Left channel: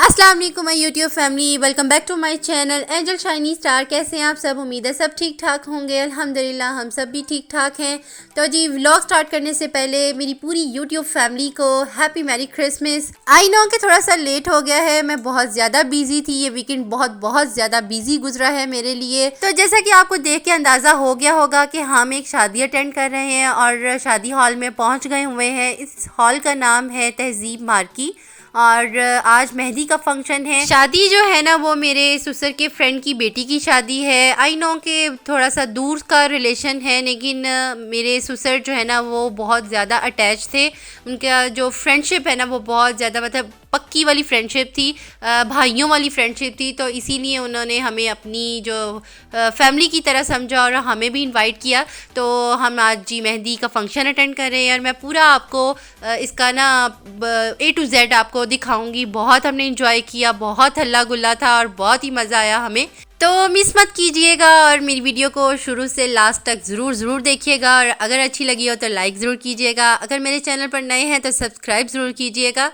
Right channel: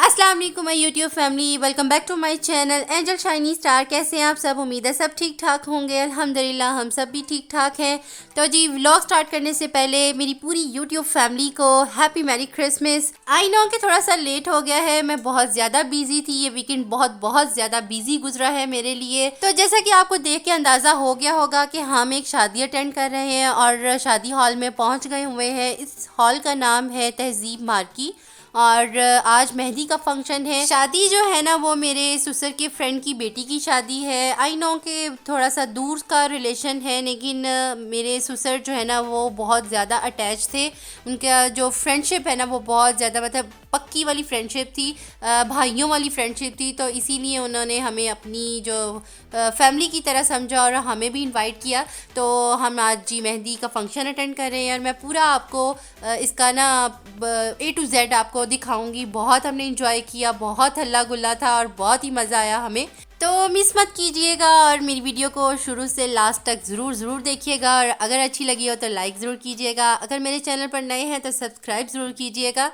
अस्सलाम वालेकुम my YouTube family, welcome back to my channel angel shiny star. कैसे हैं आप सब? उम्मीद है सब ठीक ठाक होंगे। अल्हम्दुलिल्लाह हम सब भी ठीक ठाक हैं। तो जी व्लॉग स्टार्ट करने से पहले मेरी पूरी यूट्यूब फैमिली को happy merry Christmas. I know कि थोड़ा सा लेट हो गया है, मैं बहुत ज़्यादा बिजी थी। ये वीकेंड बहुत ज़्यादा बिजी गुजरा है मेरे लिए। तो जैसा कि आपको देख के अंदाज़ा हो गया होगा कि हम एक शादी अटेंड कर रहे हैं और शादी हॉल में पहुँच गए हुए हैं। इस हॉल का नाम है तहजीब मार्की और आज मेहंदी का फंक्शन है। शादी जो है ना वो मेरे ससुर के फ्रेंड की बेटी की शादी है। आई नो कि थोड़ा सा दूर का रिलेशन है, लेकिन मेरे ससुर जो है ना वो बहुत ज़्यादा अटैच थे। उनका जो फ्रेंडशिप है ना वो बहुत ज़्यादा मतलब पक्की वाली फ्रेंडशिप थी, भाइयों वाली फ्रेंडशिप थी। तो इसीलिए उन्होंने हमें अपनी जो फैमिली की तरह समझा और हमें भी इनवाइट किया। तो हम आज जी मेहंदी का फंक्शन अटेंड कर रहे हैं और मैं पूरा आपको इसका ना A to Z आपको दिखाऊंगी। बहुत हमने इंजॉय किया, बहुत हल्ला गुल्ला था और बहुत ही मज़ा आया हमें। तो मिस मत कीजिएगा और मेरी वीडियो को शुरू से लास्ट तक ज़रूर देखिएगा और अगर अच्छी लगी हो तो लाइक ज़रूर कीजिएगा। अगर मेरे चैनल पर नए हैं तो सब्सक्राइब ज़रूर कीजिएगा।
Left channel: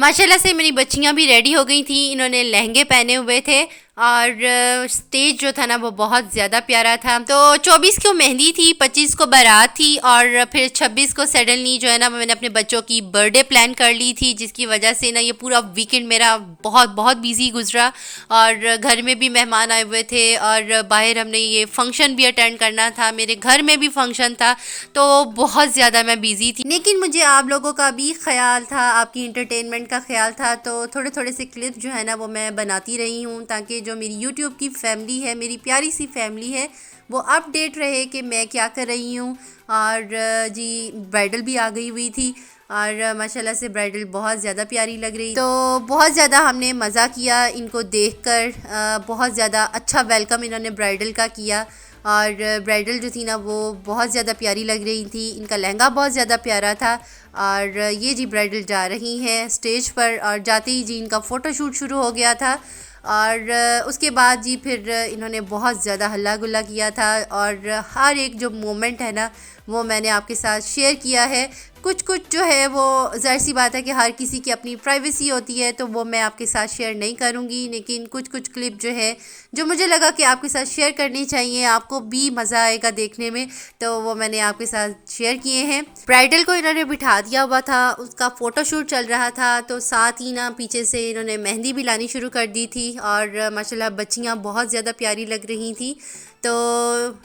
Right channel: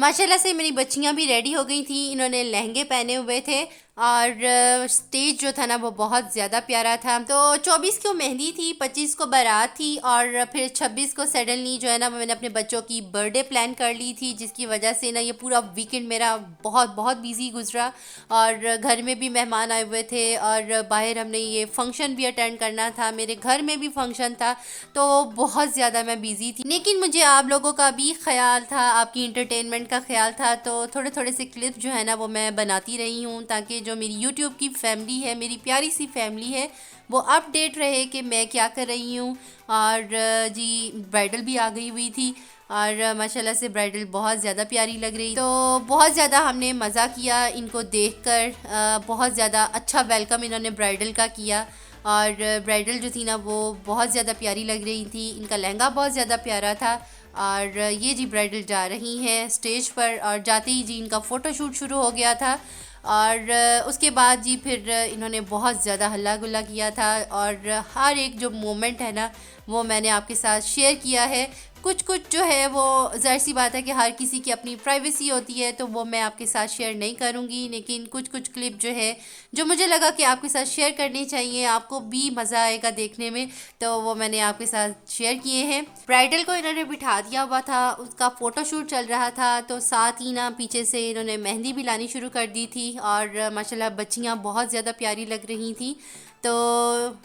माशाल्लाह से मेरी बच्चियां भी रेडी हो गई थी, इन्होंने लहंगे पहने हुए थे और स्टेज जो था ना वो बहुत ज़्यादा प्यारा था। तो 24 को मेहंदी थी, 25 को बारात थी और फिर 26 को सडनली जो है ना मैंने अपने बच्चों की बर्थडे प्लान कर ली थी, जिसकी वजह से ना ये पूरा वीकेंड मेरा बहुत बिजी गुजरा। और घर में भी मेहमान आए हुए थे और बाहर हमने ये फंक्शन भी अटेंड करना था, मेरे घर में भी फंक्शन था। तो बहुत ज़्यादा मैं बिज़ी थी, लेकिन मुझे आप लोगों का भी ख्याल था, आपकी इंटरटेनमेंट का ख्याल था। तो थोड़े से क्लिप जो है ना वो मैं बनाती रही हूँ ताकि जो मेरी यूट्यूब की फैमिली है, मेरी प्यारी सी फैमिली है, वो अपडेट रहे कि मैं क्या कर रही हूँ। और जी ब्राइडल भी आ गई हुई थी और माशाल्लाह से ब्राइडल बहुत ज़्यादा प्यारी लग रही। तो बहुत ज़्यादा हमने मज़ा किया इनको देखकर। बहुत ज़्यादा अच्छा वेलकम इन्होंने ब्राइडल का किया और ब्राइडल जो थी ना वो बहुत ज़्यादा प्यारी लग रही थी। इनका लहंगा बहुत ज़्यादा प्यारा था और ये जी ब्राइडल जा रही हैं स्टेज पर और जाते ही जी इनका फ़ोटोशूट शुरू हो गया था। और उसके बाद जी फिर इन्होंने बहुत ज़्यादा हल्ला गुल्ला किया था और हर एक जो मोमेंट है ना वो मैंने आपके साथ शेयर किया है। कुछ जो है वो ज़ाहिर सी बात है कि हर किसी की अपनी प्राइवेसी होती है, तो वो मैं आपके साथ शेयर नहीं करूँगी, लेकिन कुछ क्लिप जो है जो मुझे लगा कि आपके साथ शेयर करनी चाहिए, आपको भी मज़ा आएगा देखने में, तो वो मैंने आपके साथ शेयर किए हैं। ब्राइडल को इन्होंने बिठा दिया हुआ था, उसका फ़ोटोशूट चल रहा था, तो साथ ही ना पीछे से इन्होंने मेहंदी भी लानी शुरू कर दी थी और माशाल्लाह बच्चियाँ बहुत ज़्यादा प्यारी लग रही थी। तो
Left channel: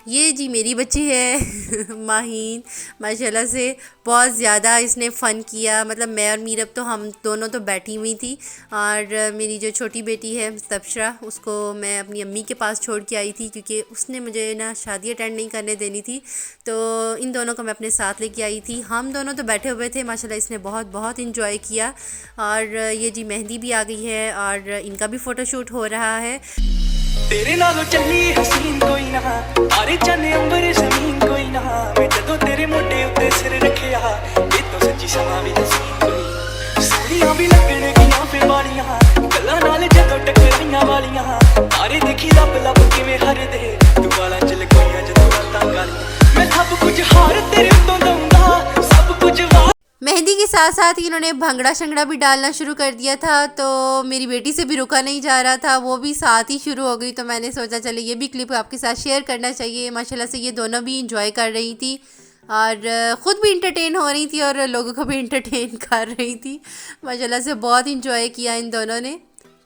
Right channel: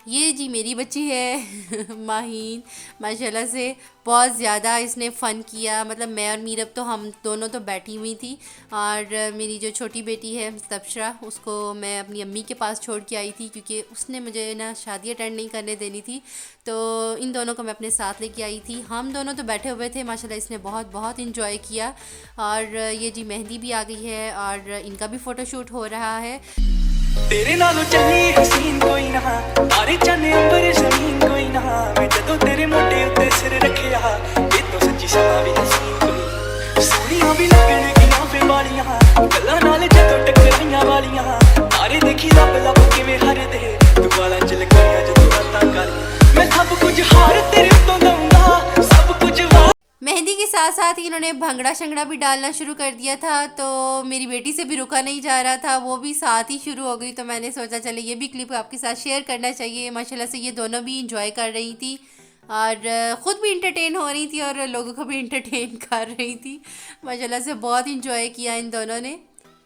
ये जी मेरी बच्ची है माहीन, माशाल्लाह से बहुत ज़्यादा इसने फ़न किया। मतलब मैं और मीरब तो हम दोनों तो बैठी हुई थी और मेरी जो छोटी बेटी है तबशरा, उसको मैं अपनी अम्मी के पास छोड़ के आई थी क्योंकि उसने मुझे ना शादी अटेंड नहीं करने देनी थी। तो इन दोनों को मैं अपने साथ लेके आई थी। हम दोनों तो बैठे हुए थे, माशाल्लाह इसने बहुत इंजॉय किया। और ये जी मेहंदी भी आ गई है और इनका भी फ़ोटोशूट हो रहा है। तेरे नालों चली हसीन कोई ना, तारे चन्ने अंबर जमीन कोई ना, मैं जदों तेरे मोटे उत्ते सिर रखिया, ये तो सच्ची समा भी हसीन कोई ना। सोनियां भी लगन गियां पे वालियां, गल्लां नाल जदों टकराइयां वालियां, तारे देखी लब किवें हरदे, तू वालां च लकोइयां जदों रातां कालियां, मैं सब कुछ हार तेरे उत्तों दऊंगा, सब कुछ मेहंदी के साथ साथ ही इन्होंने भंगड़ा शंगड़ा भी डालना शुरू कर दिया था। तो मेरी बेटी से भी रुका नहीं जा रहा था, वो भी साथ ही शुरू हो गई। तो मैंने सोचा चले ये भी क्लिप आपके साथ शेयर करना चाहिए। माशाल्लाह से ये दोनों भी इंजॉय कर रही थी और ख़ुद भी इंटरटेन हो रही थी और लोगों को भी इंटरटेन कर रही थी। माशाल्लाह से बहुत इंजॉय किया इन दोनों ने।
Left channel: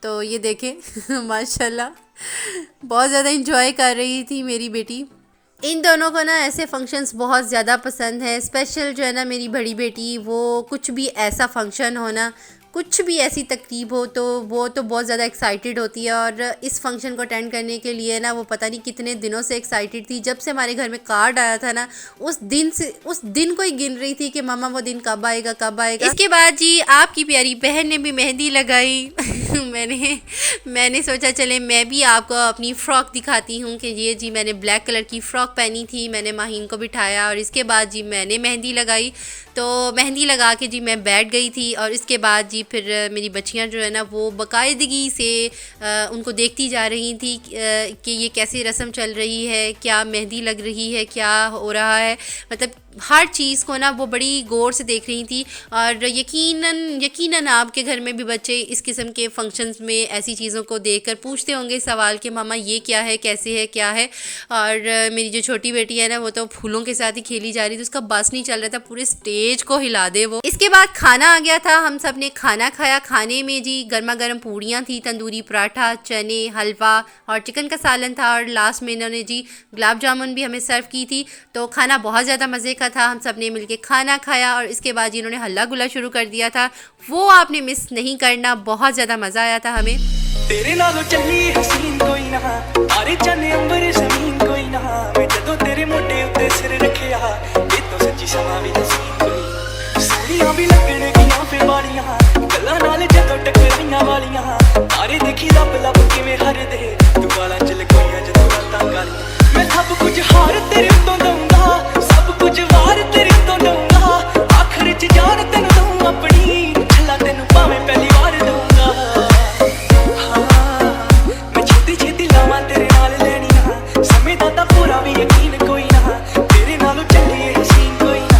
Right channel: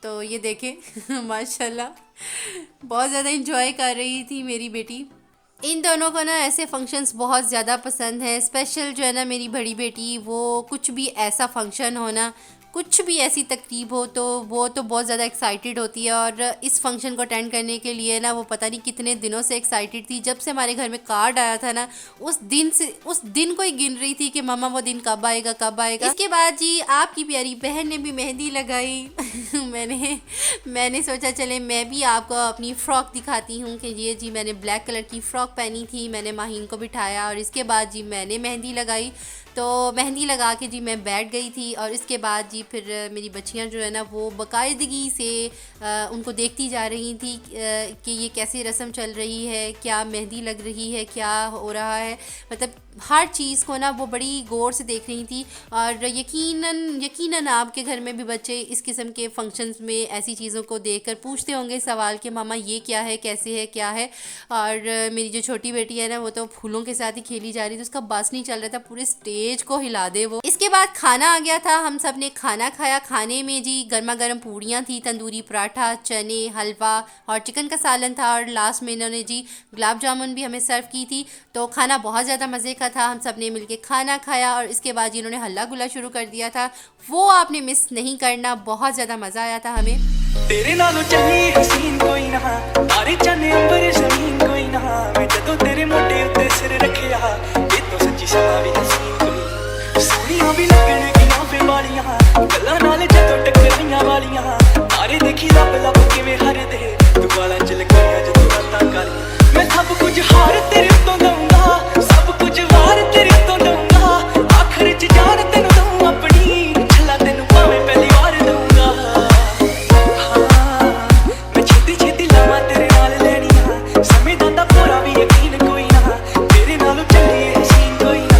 तो ये देखें माशाल्लाह बहुत ज़्यादा इंजॉय कर रही थी मेरी बेटी। इन दोनों को ना ऐसे फंक्शंस बहुत ज़्यादा पसंद है। स्पेशल जो है ना मेरी बड़ी बेटी, वो कुछ भी ऐसा फंक्शन हो ना, कुछ भी ऐसी तकरीब हो तो वो तो बहुत ज़्यादा एक्साइटेड होती है। और इस फंक्शन को अटेंड करने के लिए ना वो पता नहीं कितने दिनों से एक्साइटेड थी। जब से हमारे घर में कार्ड आया था ना उस दिन को ही गिन रही थी कि मामा वो दिन कब आएगा कब आएगा। इसके बाद जी आपकी प्यारी बहन ने भी मेहंदी लगाई मैंने सोचा चले मैं भी आपको अपनी फ़्रॉक दिखाती हूँ कि ये जी मैंने ब्लैक कलर की फ़्रॉक पहनी थी। मैंने माहीन को बिठाया और इसके बाद जी मैंने मेहंदी लगाई। तो मेहंदी लगा के जी मैं बैठ गई थी और इसके बाद जी फिर मेरी बच्चियां जो है ना वो बाकायदगी से उनको देखती जा रही थी कि ये कैसी रस्म चल रही है, क्या मेहंदी लग रही है, क्या हो रहा है, मतलब हर चीज़ को ना वो बड़ी गौर से देख रही थी। और यकीनन आपके घर में भी बच्चे इस किस्म के फंक्शंस में ऐसी चीज़ों को देखकर पूछते होंगे सवाल कि मामा ये क्या है, कैसे है, क्या है। और मेरी जो छोटी बेटी है ना वो तो फूलों के साथ ही खेली जा रही थी, उसका बस नहीं चल रहा था, पूरे स्टेज को हिला दे वो। इसके बाद खाना आ गया था, हम सब ने खाना खाया। खाने में जी गर्मा गर्म पूड़ियाँ थी, तंदूरी पराठा, चने, हलवा और चिकन का सालन था। और लास्ट में इन्होंने जी गुलाब जामुन भी हमें सर्व की थी। तो खाना बहुत ज़्यादा मज़े का था, हम सब ने मिलके खाना खाया। और इसके बाद जी इन्होंने हल्ला गुल्ला शुरू कर दिया था, वो आपने मिस नहीं करना, बहुत ज़्यादा मज़ा आया था हमें। तेरे नालों चली हसीन कोई ना, तारे चन्ने अंबर जमीन कोई ना, मैं जदों तेरे मोटे उत्ते सिर रखिया, ये तो सच्ची समा भी हसीन कोई ना। सोहणियां भी लगण गियां फे वालियां, गल्लां नाल जदों टकराइयां वालियां, तारे देखी लब लब किवें हरदे, तू वालां च लकोइयां जदों रातां कालियां। मैं सब कुछ हार तेरे उत्तों दऊंगा, सब कुछ वार तेरे उत्तों दऊंगा, आखिर च जान तैनूं दऊं अपनी, छल्ला तैनूं भावें पहली वार दऊंगा। छेती लावां तेरे नाल लैणियां, समय दा तां पूरा भी यकीन कोई ना, तेरे नालों चली हसीन कोई ना,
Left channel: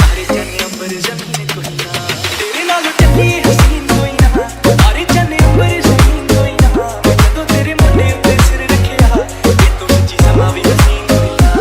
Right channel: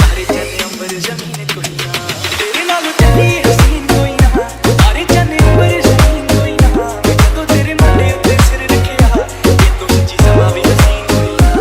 तारे चन्ने अंबर जमीन कोई ना। तेरे नालों चली हसीन कोई ना, तारे चन्ने अंबर जमीन कोई ना, मैं जदों तेरे मोटे उत्ते सिर रखिया, ये तो सच्ची समा भी हसीन कोई ना।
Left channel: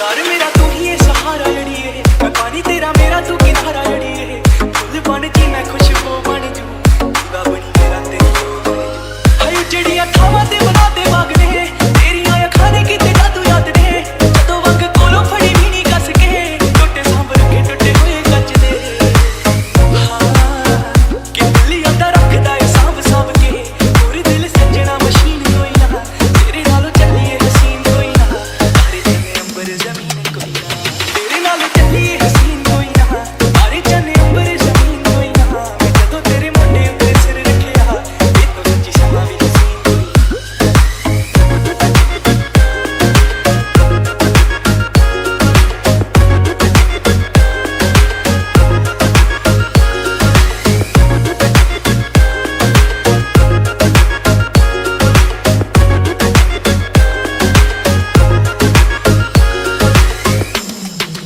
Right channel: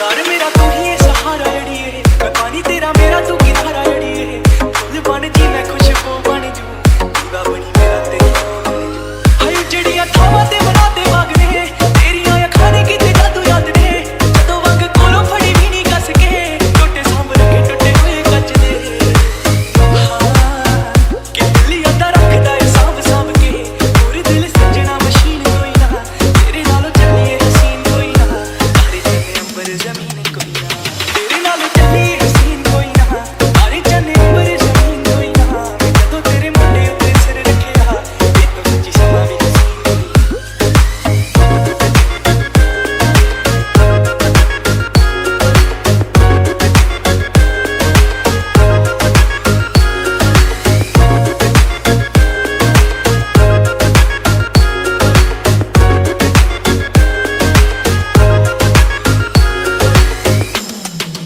यार मेरा तू ही है सहारा जड़िए, मैं पानी तेरा मेरा तू किनारा जड़िए, फुल बन जी मैं खुशबू बन जू, दीवा बनी मेरा तेरी लो बन जू। हाय जड़ियां थावां ते बनाते बागने, तेरियां अखां ने किते जादू याद ने, जदों वंग कोलों फड़ी भी नहीं कस के, टुटे सांभ रखे टुटे हुए कच दे। हाँ कि दिल यादा रखदा है सांभ सांभ के, और दिल सजना मशीन कोई ना, तेरे नालों चलिए हसीन कोई ना, तारे चन्ने अंबर जमीन कोई ना। तेरे नालों चली हसीन कोई ना, तारे चन्ने अंबर जमीन कोई ना, मैं जदों तेरे मोटे उत्ते सिर रखिया, ये तो सच्ची समा भी हसीन कोई ना।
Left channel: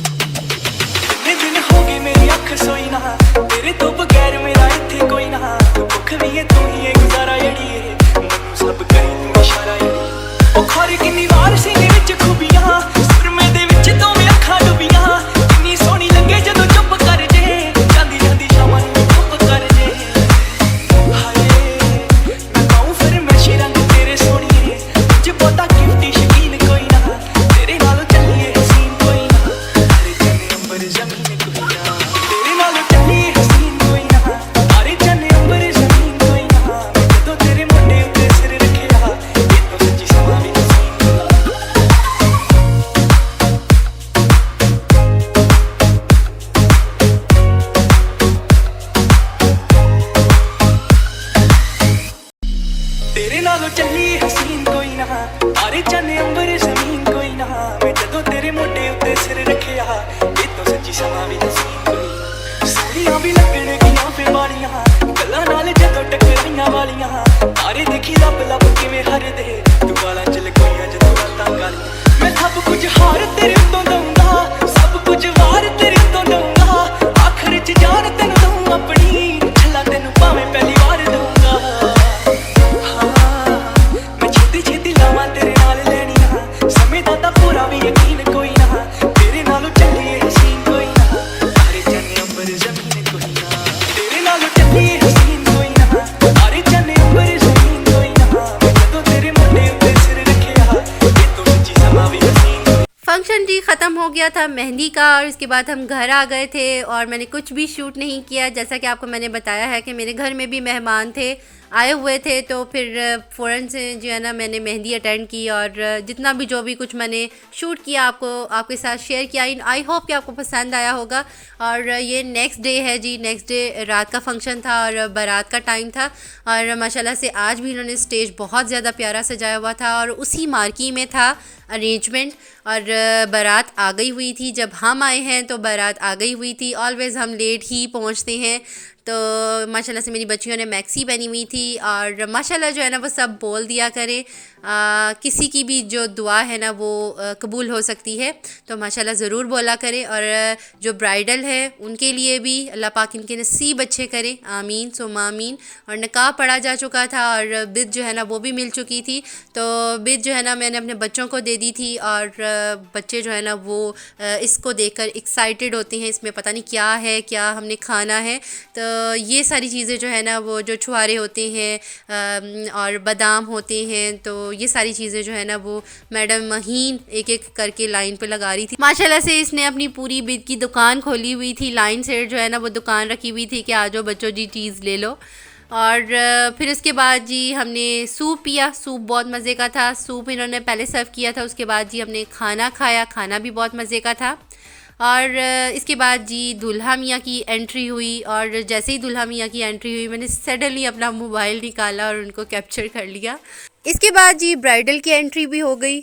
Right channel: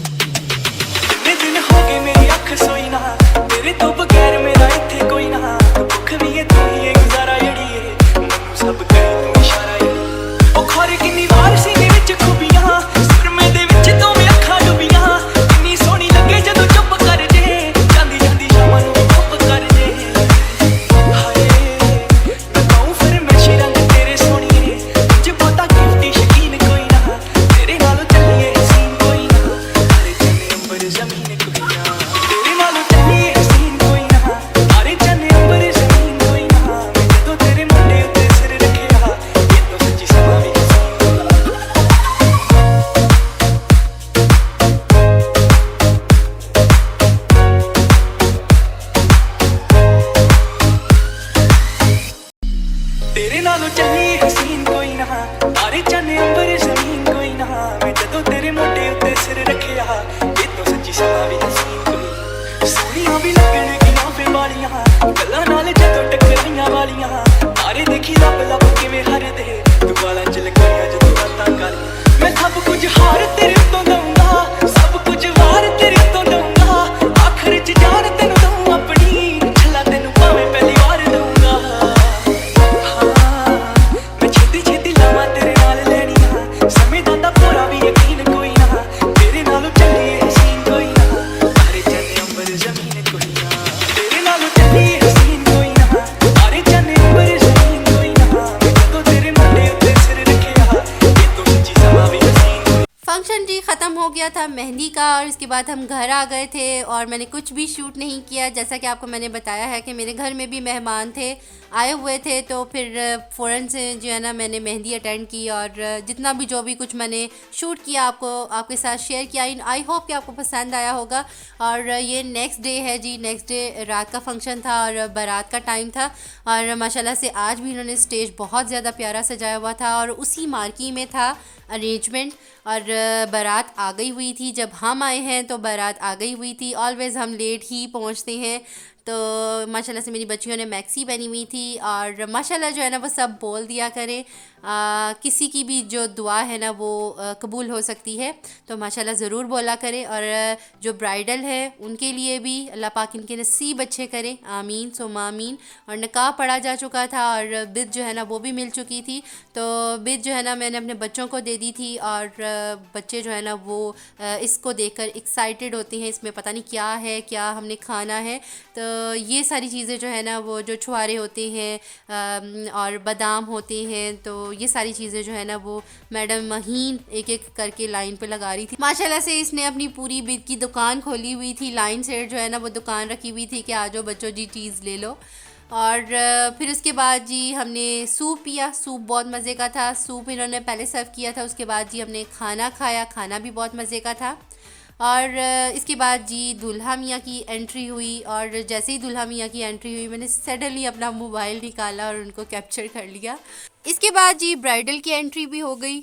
कितने दिन हो गए मेरी अख सोई ना, तेरे तो बगैर मेरा इत्थे कोई ना, तू भुख भी है तू ही है गुजारा जड़िए, मैनू सब करी तू इशारा जड़िए। ओ खौर किन्नी वार सीने विच खूबियां, सुरमे दे विच दोवें अखां डुबियां, किन्नी सोहनी लगे जदों चुप कर जे, जांदी जांदी शामां नूं चुप कर जे। हाय मैं कहूं फिर मैशी रंग तेरे सोहणीए, तुझ बहुता गिफ्टी शकीन कोई ना, तेरे नालों चलिए हसीन कोई ना, तारे चन्ने अंबर जमीन कोई ना। तेरे नालों चली हसीन कोई ना, तारे चन्ने अंबर जमीन कोई ना, मैं जदों तेरे मोटे उत्ते सिर रखिया, ये तो सच्ची समा भी हसीन कोई ना। तेरे नालों चली हसीन कोई ना, तारे चन्ने अंबर जमीन कोई ना, मैं जदों तेरे मोटे उत्ते सिर रखिया, ये तो सच्ची समा भी हसीन कोई ना। सोहणियां भी लगण गियां फे वालियां, गल्लां नाल जदों टकराइयां वालियां, तारे देखी लब लब किवें हरदे, तू वालां च लकोइयां जदों रातां कालियां। मैं सब कुछ हार तेरे उत्तों दऊंगा, सब कुछ वार तेरे उत्तों दऊंगा, आखिर च जान तैनूं दऊं अपनी, छल्ला तैनूं भावें पहली वार दऊंगा। मैं छेती लावां तेरे नाल लैणियां, समय दा तां पूरा भी यकीन कोई ना, तेरे नालों चलिए हसीन कोई ना, तारे चन्ने अंबर जमीन कोई ना। तेरे नालों चली हसीन कोई ना, तारे चन्ने अंबर जमीन कोई ना, मैं जदों तेरे मोटे उत्ते सिर रखिया, ये तो सच्ची समा भी हसीन कोई ना। फंक्शन जी ख़त्म हो गया था मेहंदी का, और इसके बाद हम घर आ गए थे और मैंने कुछ भी शूट नहीं किया। जैसा कि आपको मैंने बताया है कि मेरे घर में भी मेहमान थे। आए हुए थे, तो फिर फ़ौरन से जो है ना मैंने मेहंदी अटेंड की और जितना भी जो भी कुछ मैंने शूट किया आपके साथ शेयर किया। आई होप कि आपको पसंद आया होगा। और ये नेक्स्ट डे है जी, नेक्स्ट डे रात का फंक्शन था और बारात का टाइम था। और माशाल्लाह से आज भी इन्होंने स्टेज बहुत ज़्यादा प्यारा सजाया हुआ था और उसी मार्की में था अरेंजमेंट। और बारात आ गई हुई थी, जब हम आए हैं तो बारात आ गई हुई थी। ऑलवेज़ हम लेट ही पहुंचते हैं। तो माशाल्लाह से मेरी बच्चियों ने मैक्सी पहनी हुई थी और माशाल्लाह जो है ना वो सब बोल दिया करें, किसी की भी जो दुआ है ना वो कबूल हो सकती है, तो माशाल्लाह ज़रूर बोला करें। और जो ब्राइडल है उनके लिए भी अल्लाह पाक इनके नसीब अच्छे करें, आमीन सुम्मा आमीन। और निकाह पढ़ा जा चुका था और बिद जो है ना वो भी मिल चुकी थी। तो बिद जो है ना मैंने अपने बच्चों को दे दी थी और बच्चे जो है ना वो इसको देखकर एक्साइटेड होते हैं, इसमें पता नहीं क्या है, क्या हमने खाना है। तो ये सारी चीज़ें जो है ना वो जो छुआरे होते हैं और बादाम होते हैं, तो ये सारी चीज़ें जो है ना वो मैडम महीन एक एक करके लाइन पे लगा रही थी। माशाल्लाह से इसने अपनी पूरी बिद की दुकान खोली हुई थी, लाइन से जो है ना वो दुकान रखी हुई थी कि आ जाओ बच्चों जी चीज़ ले लो। और फिर उसके बाद जी हमने सूप पिया, सूप बहुत मज़े का था। सूप इन्होंने पहले सर्व किया था, उसके बाद जी हमने खाना खाया, खाना भी बहुत मज़े का था। और इसके बाद जी दूल्हा मियाँ की एंट्री हुई और जैसे ही दूल्हा मियाँ की एंट्री हुई मैंने सडनली अपना मोबाइल निकाला और उनको कैप्चर कर लिया। इसके बाद जी ब्राइडल की एंट्री भी हो गई।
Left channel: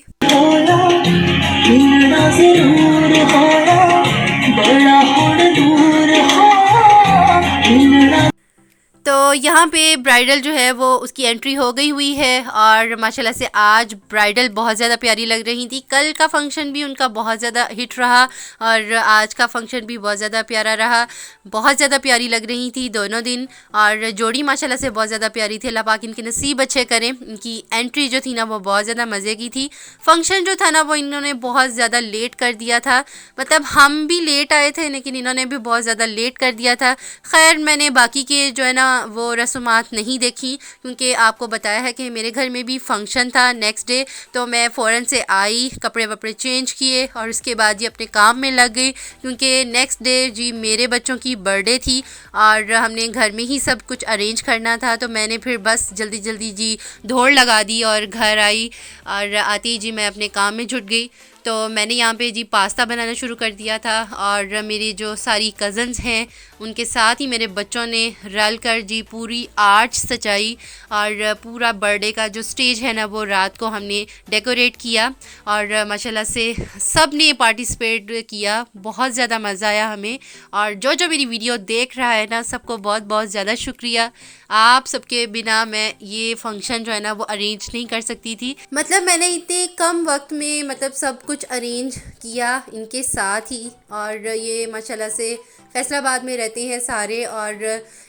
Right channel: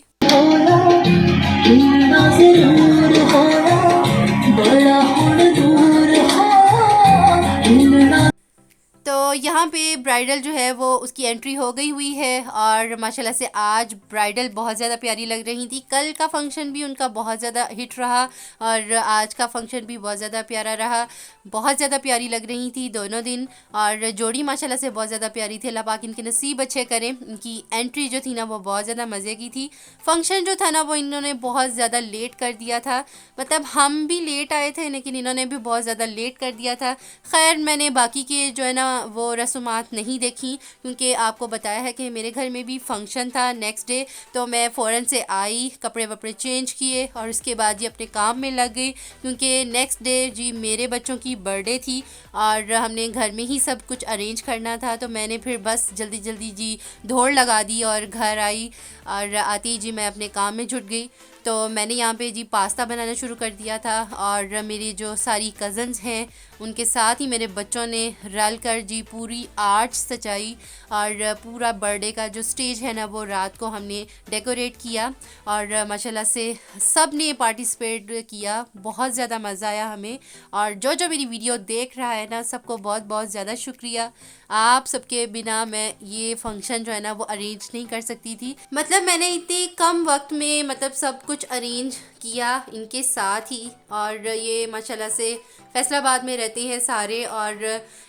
तो यहाँ पे ब्राइडल जो है वो उसकी एंट्री हो गई हुई है और माशाल्लाह से आज ब्राइडल बहुत ज़्यादा प्यारी लग रही थी। कल का फंक्शन भी उनका बहुत ज़्यादा हिट रहा और आज का फंक्शन भी बहुत ज़्यादा प्यारा रहा। बहुत ज़्यादा प्यारी लग रही थी दोनों दिन और जोड़ी माशाल्लाह से बहुत ज़्यादा प्यारी थी। अल्लाह पाक इनके नसीब अच्छे करें। इनकी एंट्री जो थी ना वो बहुत ज़्यादा मज़े की थी। फंक्शन जो था ना वो इन्होंने बहुत ज़्यादा लेट कर दिया था, मतलब हम भी लेट आए थे लेकिन इन्होंने भी बहुत ज़्यादा लेट कर दिया था। खैर मैंने बाकी के जो है ना वो रस्मात नहीं देखी क्योंकि आपको बताया है कि मेरे घर में भी फंक्शन था नेक्स्ट डे। तो मैं फ़ौरन से आई, कपड़े वपड़े चेंज किए और उसके बाद जी अपने काम में लग गई क्योंकि नेक्स्ट डे जी मेरे बच्चों की बर्थडे थी और हमने घर में ही सब कुछ अरेंज करना था। तो मैंने फिर बस जल्दी जल्दी जी दौड़ लगा दी और घर आई और आते ही जी मैं अपने काम में जुट गई। तो मैंने यहाँ पे जी पास्ता बनाना शुरू कर दिया था और मेरी जो सारी कज़न्स हैं उनके साथ ही मेरे बच्चों ने रल कर जी पूरी आर्च सजाई और पूरा बर्थडे का जो स्टेज है ना वो रात को हमने डेकोरेट किया और माशाल्लाह से सब ने पार्टिसिपेट किया। बहुत ज़्यादा मज़ा आया हमें और जो जो मेरी वीडियो देख रहा है ना सबको बहुत बहुत ज़्यादा शुक्रिया। आप सबके बिना मैं ये फंक्शन जो है ना वो अरेंज नहीं कर सकती थी। मतलब मैंने इतने कम वक्त में मतलब सब कुछ अरेंज किया इनके साथ ही। और ये माशाल्लाह से फैसलाबाद में रहते हैं सारे और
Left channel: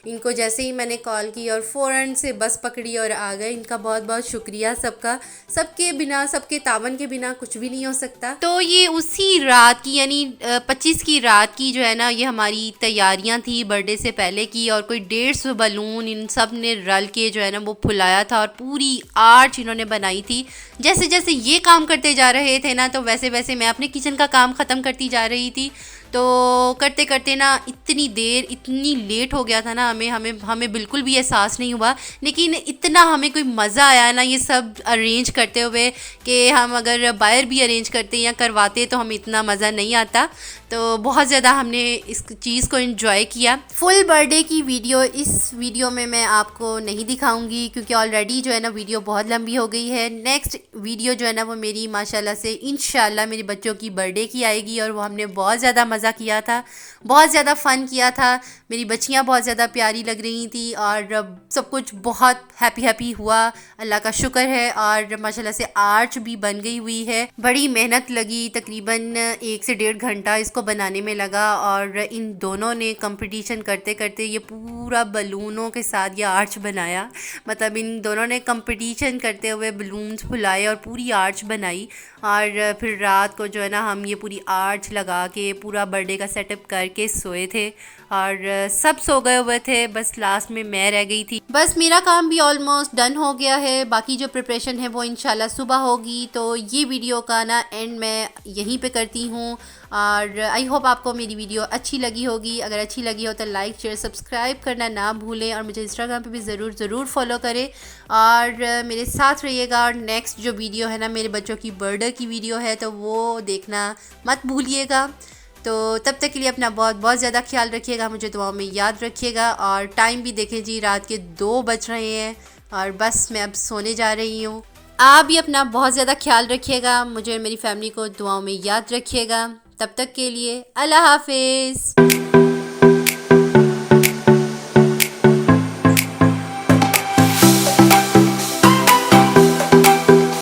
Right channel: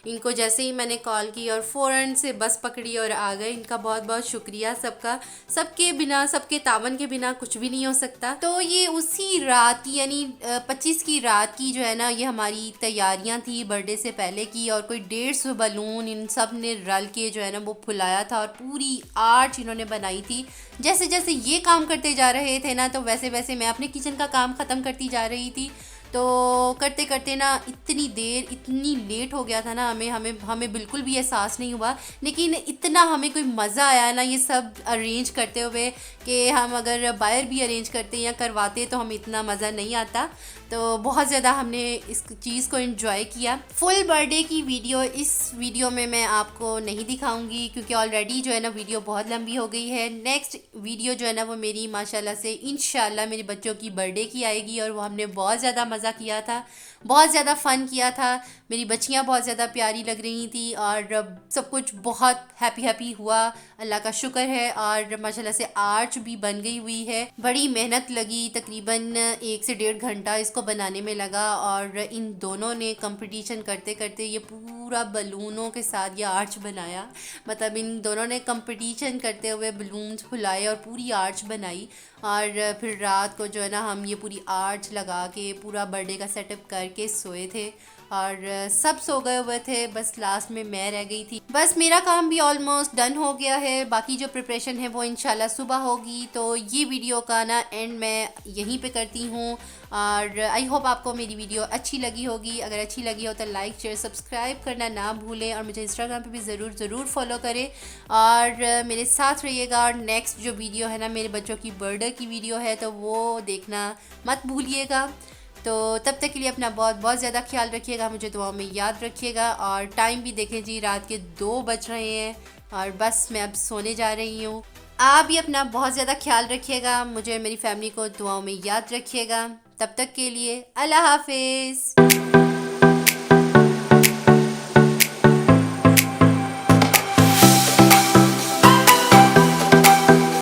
इनको जैसे ही मैंने कॉल की और फ़ौरन से बस पकड़ी और आ गए। इनका बहुत बहुत शुक्रिया सबका। सबके बिना, सबके तावन के बिना कुछ भी नहीं हो सकता। तो ये उसी रात की यानी 25 की रात की जो है ना ये हमारी तैयारियां थी बर्थडे से पहले की और कोई 150 बलून इन सब ने रल के जो है ना वो फुलाया था और पूरी आर्च इन्होंने बनाई थी। जैसे जैसे ये काम करते जा रहे थे ना तो वैसे वैसे मैं अपने किचन का काम ख़त्म करती जा रही थी। तो करते करते ना इतनी देर, इतनी लेट हो गया था ना हमें बिल्कुल भी एहसास नहीं हुआ। लेकिन इतना हमें कोई मज़ा आया ना ये सब अरेंज करते हुए कि हम अगर बाहर भी अरेंज करते या करवाते तो हमें इतना मज़ा नहीं आता। तो बहुत ज़्यादा हमने इस चीज़ को एंजॉय किया। फुल बर्थडे की वीडियो इस वीडियो में मैं आपको नहीं दिखाऊंगी क्योंकि ऑलरेडी जो है ना वीडियो बहुत लंबी हो गई है। नेक्स्ट वीडियो जो है ना वो मेरी माशाल्लाह से इंशाल्लाह मेरे बच्चों की बर्थडे की आएगी और वो हमने बहुत ज़्यादा मज़ा किया था, बहुत ज़्यादा फ़न किया था। मेरी बच्चियाँ बहुत ज़्यादा प्यारी लग रही थी और सब कुछ बहुत हैप्पी हुआ, अल्लाह का शुक्र है। और माशाल्लाह से आर्च भी बन गई हुई है। बड़ी मेहनत लगी, तकरीबन 1 से 1.5 घंटा इसको बनाने में लगा और इन दोनों ने कंपटीशन करते करते ये पूरा बलूनों के साथ ये आर्च बनाया। मतलब इन दोनों ने कंपटीशन करते हुए बलून्स फुलाए और पूरी आर्च बनाई। और फिर रात को जो है ना हम ये पूरी आर्च लगा के पूरा बर्थडे का सेटअप करके सोए थे और सब सो गए हुए थे, बस लास्ट में मैं रह गई थी। बस मेरा काम भी ऑलमोस्ट डन हो गया है, बाकी जो प्रिपरेशन है वो इंशाल्लाह सुबह होगी। तो ये वीडियो का ना एंड मैं यहीं पे करती हूँ और आई होप आपको मेरी वीडियो अच्छी लगी होगी। अगर अच्छी लगी हो तो लाइक शेयर सब्सक्राइब करना ना भूलें और मुझे इंस्टाग्राम पे भी ज़रूर फॉलो करें और मेरे साथ रहिएगा। और नेक्स्ट जो वीडियो है ना मेरे बच्चों की बर्थडे की वीडियो है, तो वो देखना मत भूलिएगा। तो तब तक के लिए अपना बहुत ज़्यादा ख्याल रखिएगा, मुझे दुआओं में याद रखिएगा। और टाइम भी देखें जी, रात के 2 बज रहे हैं और बस मैं अब सोने जा रही हूँ। आप भी अपना बहुत ज़्यादा ख्याल रखिएगा, मुझे मेरी फैमिली को दुआओं में याद रखिएगा। तब तक के लिए अल्लाह हाफिज़।